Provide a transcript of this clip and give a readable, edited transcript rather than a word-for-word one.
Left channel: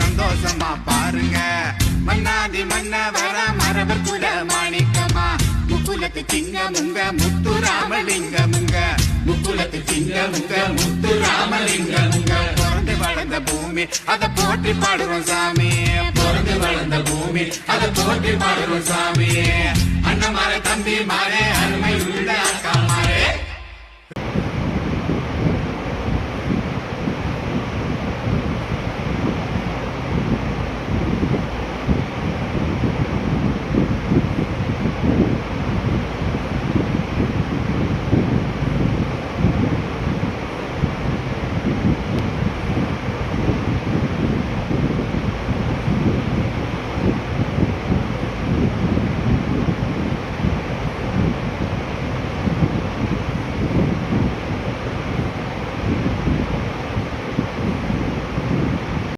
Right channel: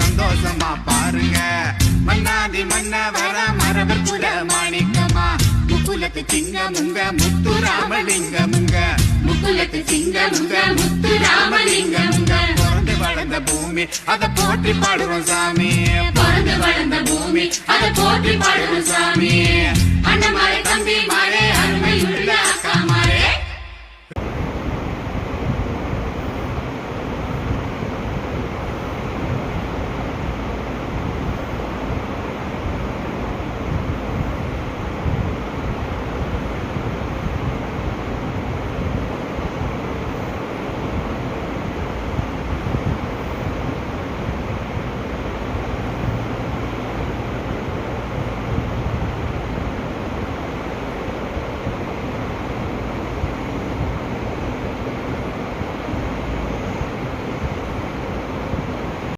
சந்தோஷமா பாருங்க. மன்னாதி மன்னவர மரபர் குல மாணிக்கமா முக்குலத்து சிங்கமுங்க முத்துராமலிங்கமுங்க. முக்குலத்து சிங்கமுங்க முத்துராமலிங்கமுங்க. பிறந்து வளர்ந்த பூமி அதை போற்றி பாடுறோம் சாமி. பிறந்து வளர்ந்த பூமி அதை போற்றி பாடுறோம் சாமி. அண்ணமாரே தம்பி மாரே